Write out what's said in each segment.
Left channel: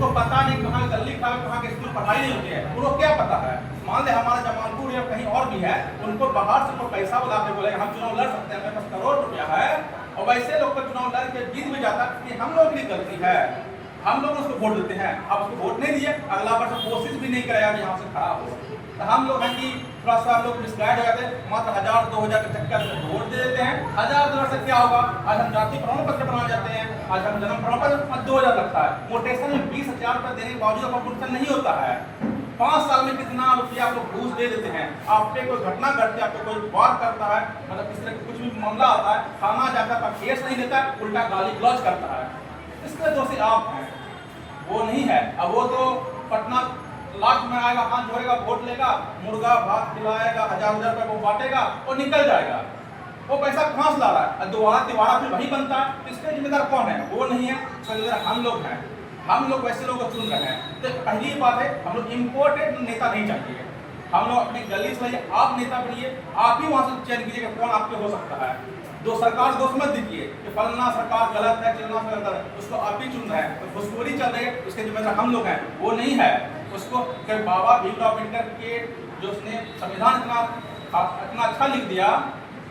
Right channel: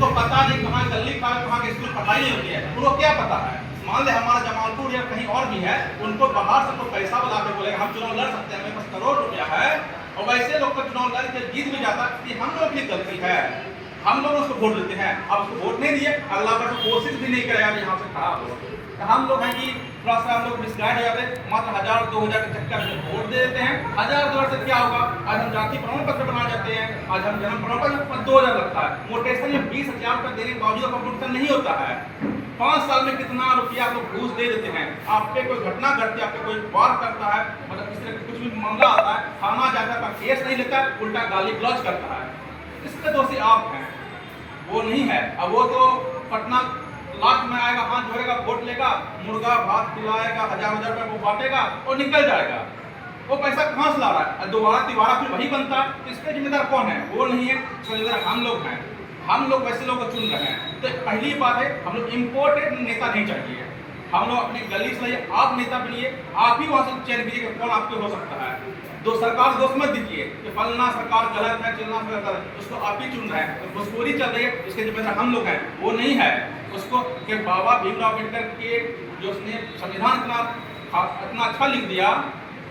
उनको पता नहीं कहाँ गली खराब कहाँ के स्कूल पढ़ाई नहीं होती है, उनको क्या पता है। मान ले हमारा जमालपुर या कहीं और भी है, उनको बाहर से तो पैसा बुला के बोलेगा हम चुनाव लड़ सकते हैं, मेरे पास करोड़ रुपया है, और वैसे लोग का चुनाव लड़ के जीत भी जाता है। हम लोग की गलती है, हम लोग उसको वोट देते हैं, अब उसको वोट नहीं दिए, अगला बार कोशिश भी नहीं करेगा यहाँ से खराब हो। तो हम लोग हैं कि थोड़ा सा हम लोग मिसगाइड हो जाते हैं, मात्र 1000-2000 के चक्कर में वोट दे देते हैं। 1000 से क्या होगा, आज हम जाति प्रमाण पत्र बना जाते हैं, आज हम जन्म प्रमाण पत्र 2000 लगता है, मोटेशन में 20,000 रुपये देने के बावजूद कंप्यूटर नहीं होता है। 5 साल में कितना रुपया आपको घूस दे देते हैं। आप पे कोई घटना घटती है, आप पे कोई वार करता है, मतलब इस तरह का कुछ भी मामला आता है, थाना जाकर का केस नहीं लेता, उल्टा गाली गलौज करता है, इसमें दोषी आप हैं, वो नहीं है। अब वो तो पटना लास्ट में आएगा, हाथ जोड़ेगा, वोट लेगा, मुर्गा भात खिलाएगा, 1000-1000 रुपये वो बांटेगा और निकल जाएगा। वो पैसा कहाँ से ला रहा है, दोबारा फिर वही बनता है। इसके जिम्मेदार कौन है, वो नहीं है, जिम्मेदार हम लोग हैं। हम लोग वैसे लोगों को चुन रहे हैं। तो पहली बात है, हम लोग इम्पोर्टेड नेता नहीं चाहिए, हम लोग अपनी गली से लाइए, आप नेता बनिए, आप ही वहाँ से चयन कीजिए कि कौन आपके हो सकता है। दो सरकार दोष मत दीजिए कि फलना सरकार गलत है, चलना सरकार गलत है, उसको आप ही चुन रहे हैं। तो घुसखोरी चल रही है, इसके जिम्मेदार हम लोग हैं, वो नहीं है। उसको फिर बाबा भीमराव अम्बेडकर के जो उसने संविधान इतना अच्छा लिख दिया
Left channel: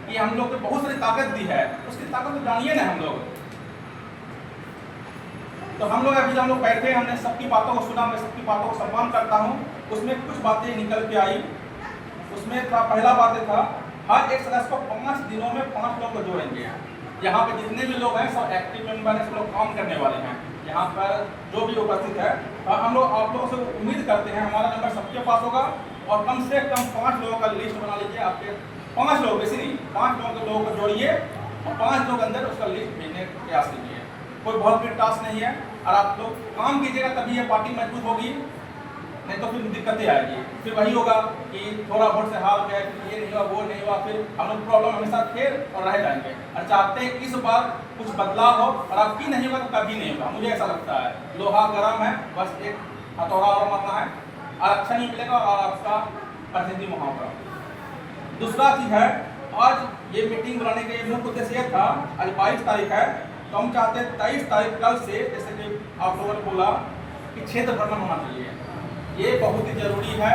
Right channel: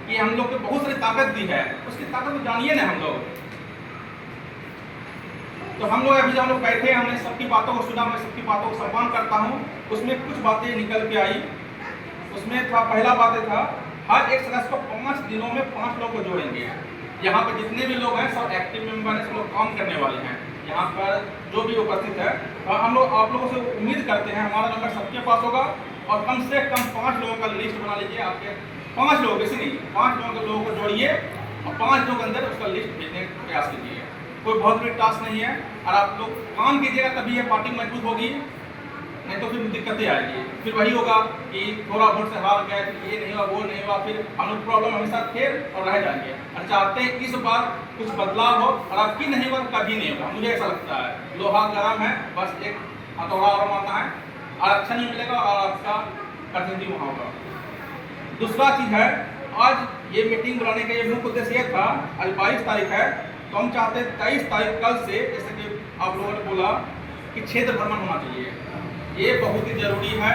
कि हम लोग को बहुत सारी ताकत दी है, उसकी ताकत को जानिए ना हम लोग। तो हम लोग अभी हम लोग बैठे, हमने सबकी बातों को सुना, मैं सबकी बातों को सम्मान करता हूँ। उसमें कुछ बातें निकल के आई, उसमें था पहला बात था, हर एक सदस्य को 5 दिनों में 5 लोग को जोड़ेंगे। यहाँ पे जितने भी लोग हैं सब एक्टिव मेंबर हैं, सब लोग काम करने वाले हैं। यहाँ पर जो भी उपस्थित है, और हम लोग आप लोगों से उम्मीद करते हैं हमारा नंबर सबके पास होगा, और कम से कम 5 लोगों का लिस्ट बना लीजिए। आपके 5 लोग, इसी नहीं 5 लोगों को जोड़िए और 5 लोगों के अंदर उसका लिस्ट भेजने का प्रयास कीजिए। कोई बहुत बड़ी टास्क नहीं है, और आप लोग काम कीजिएगा तभी ये पार्टी मजबूत होगी, नहीं तो फिर दिक्कतें आएगी। फिर वही होगा कि थोड़ा वोट से हार गए, ये नहीं हुआ, वो नहीं हुआ, फिर हम लोग प्रॉब्लम हमेशा फिर और रह जाएंगे। और चाहते हैं इस बार कुछ बदलाव हो, और आपकी नहीं हुआ कभी नहीं होगा, मुझे ऐसा लगता है। लोहा गर्म है, बस एक हथौड़ा और मारना है, आरक्षण नहीं मिलेगा और आपका प्रतिनिधि वहाँ होगा। दूसरा चीज है, आज ये मीटिंग बुलाने का ये मुख्य उद्देश्य ये था, आज 22 तारीख है, तो हम चाहते हैं 23 तारीख कल से, जैसे कि आप लोगों ने बोला कि क्षेत्र भ्रमण होना चाहिए, ये बहुत ही जरूरी है।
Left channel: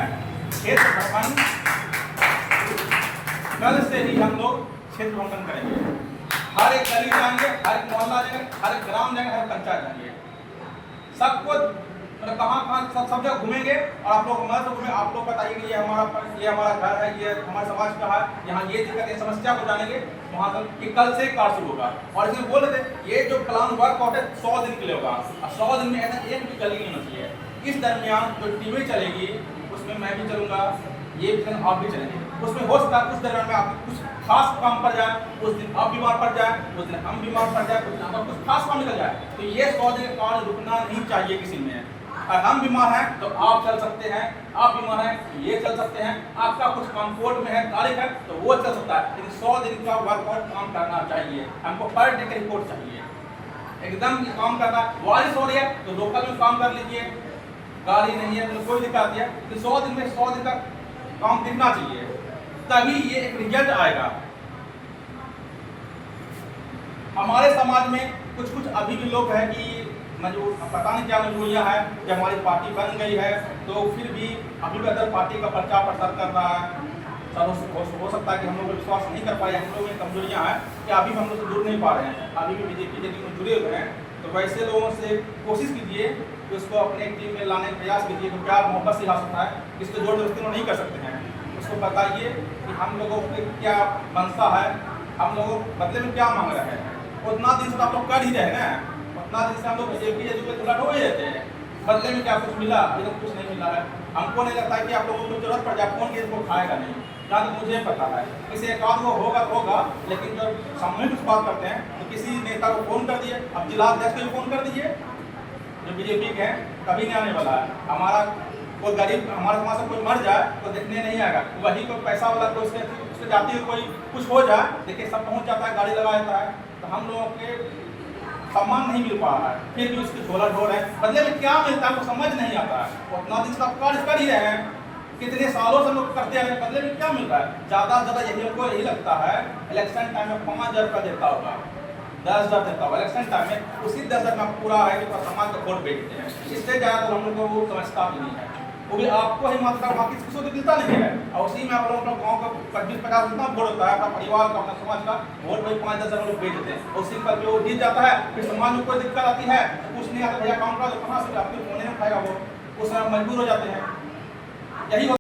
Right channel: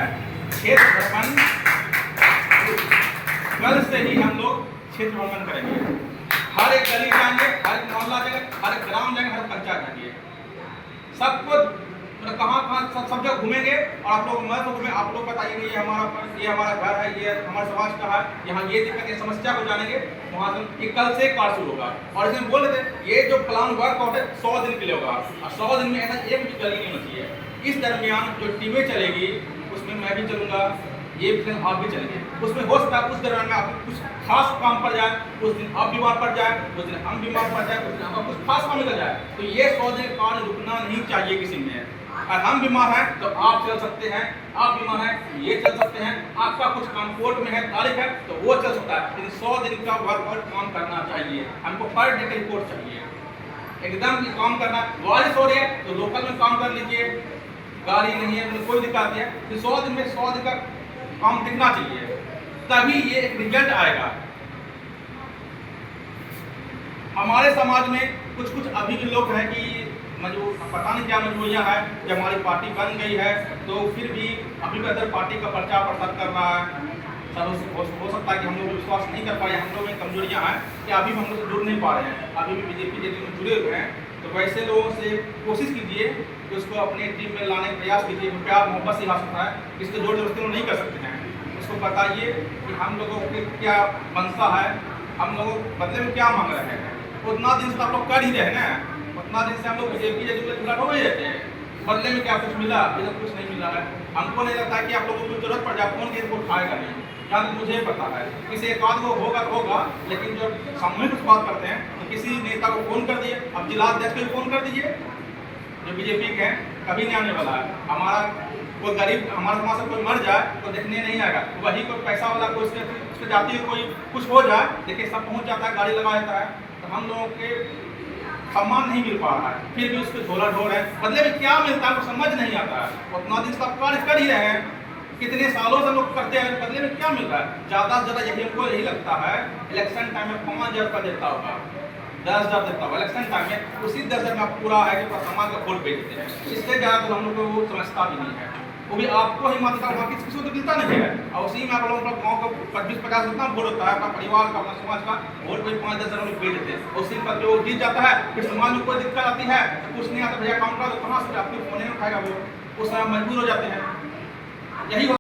क्षेत्र भ्रमण कल से ही हम लोग क्षेत्र भ्रमण करेंगे, हर एक गली जाएंगे, हर एक मोहल्ला जाएंगे, हर एक ग्राम जाएंगे, हर पंचायत जाएंगे, सबको मतलब कहाँ सब जगह घूमेंगे। और आप लोग मत घूमें, आप लोग बताइए कि ये हमारा घर है, ये हमारे समाज का है, यहाँ ये दिक्कत है, समस्या को जानेंगे। वहाँ से कल से कार्य शुरू होगा, और इसमें बोल रहे थे ये जो प्लान वर्कआउट है 100 दिन के लिए होगा, और 100 दिन में ऐसा एक भी गली नहीं होनी चाहिए। इस दरमियान जो टीमें चलेगी उसमें मैं भी चलूँगा, ये फिल्म आप भी चलेंगे, उसमें हो सकता है उस दरमियान में आपको कुछ खास काम पड़ जाए, उस दिन आप बीमार पड़ जाए, उस दिन हम बीमार पड़ जाए, उस दिन हमारा कुछ खास काम निकल जाए। तो ये 100 दिन कार्य रुकना नहीं चाहिए किसी में। और हम बीमार हैं तो आप चल सकते हैं, आप बीमार हैं तो ये चल सकते हैं, आपका कुछ काम कोर्ट में है, तारीख है तो वो चल सकता है। लेकिन 100 दिन का वर्क काम करना चाहिए, हमको पर डे का रिपोर्ट चाहिए, एकदम काम करना। बारिश हो रही है तो लोकल में काम कर लीजिए, गाड़ी नहीं है तो कोई दिक्कत नहीं है, तो 100 दिन में 100 दिन का काम दिखना चाहिए, तभी ये एक रिजल्ट आएगा। हमारे समाज में कुछ अभी भी लोग हैं कि पता नहीं क्या मजबूरियाँ है कि हमारी पार्टी बन गई है तो फिर भी अभी भी अदर पार्टी का प्रचार प्रसार कर रहा है। सब हो सकता है कि हम लोग विश्वास नहीं कर पाए, हम लोग में कमजोरियाँ हैं कि अभी भी हम लोग से जुड़ नहीं पा रहे हैं, अभी भी बीजेपी के टीम में जुड़े हुए हैं। तो वैसे लोगों से कोशिश कीजिए कि उसको अपने टीम में लाने का प्रयास कीजिए, प्यार मोहब्बत से ला सकता है, इसको जोर जबरदस्ती नहीं कर सकते हैं। उसको बताइए कि हम लोगों को क्या मनसा है, हम लोगों बदले में क्या मांग रहे हैं। उतना दिन से आप लोग कर ही रहे हैं ना, उतना दिन से हम लोग बीजेपी के जुड़ा हो ही रहते हैं, बदले में क्या कुछ मिला, अभी तक कुछ नहीं मिला है। हमको नहीं लगता है कि आप लोगों को जरूरत पड़ जाए, कौन चीज़ को खाएगा नहीं, जहाँ तक मुझे पता है किसी एक आध को होगा तो होगा, लेकिन जब सामूहिक कुछ बात करते हैं तो किसी नेता को फोन कर दिए, अब जिला अध्यक्ष को भी फोन कर दीजिए जो बीजेपी के हैं, कभी नहीं आने वाला है। हमारा कोई गरीब हमारे समाज से कोई मर जाए तो देखने नहीं आएगा, वही कोई पैसा वाला कोई उसके जाती है, कोई कुछ हो जाए देखिए सब पहुँच जाता है, गाड़ी लगा देता है। तो हम लोगों के सम्मान नहीं मिल पा रहा है, फिर भी उसको झोला ढोल है, बदले में क्या मिलता है वो समझ नहीं आता है। उतना दिन का कार्य कर ही रहे हैं, कितने सालों से लोग करते हैं, बदले में क्या मिल रहा है। ज़्यादा से ज़्यादा यही हमको यही लगता है इलेक्शन टाइम में 5,000 का देता होगा, 10 दर देता हूँ इलेक्शन टाइम में, उसी 10 दर में पूरा है कि पूरा समाज का वोट बेचते हैं। इससे ज़्यादा तो हम लोग को वो समझता भी नहीं है, वो भी आपको ही मानता हूँ, बाकी किसी को तो मिलता नहीं है। और उसी में आप लोग गाँव का 25-50 जितना वोट होता है, अपना परिवार का, अपना समाज का वोट वही 5-10 हज़ार लोग बेच देते हैं। उसी पर जो जीत जाता है, फिर समाज में कोई दिक्कत आती है तो कुछ नहीं आता, भैया काम करो, कहाँ से आपके फोन नहीं उठाएगा वो, उस समय मजबूर हो जाते हैं। यही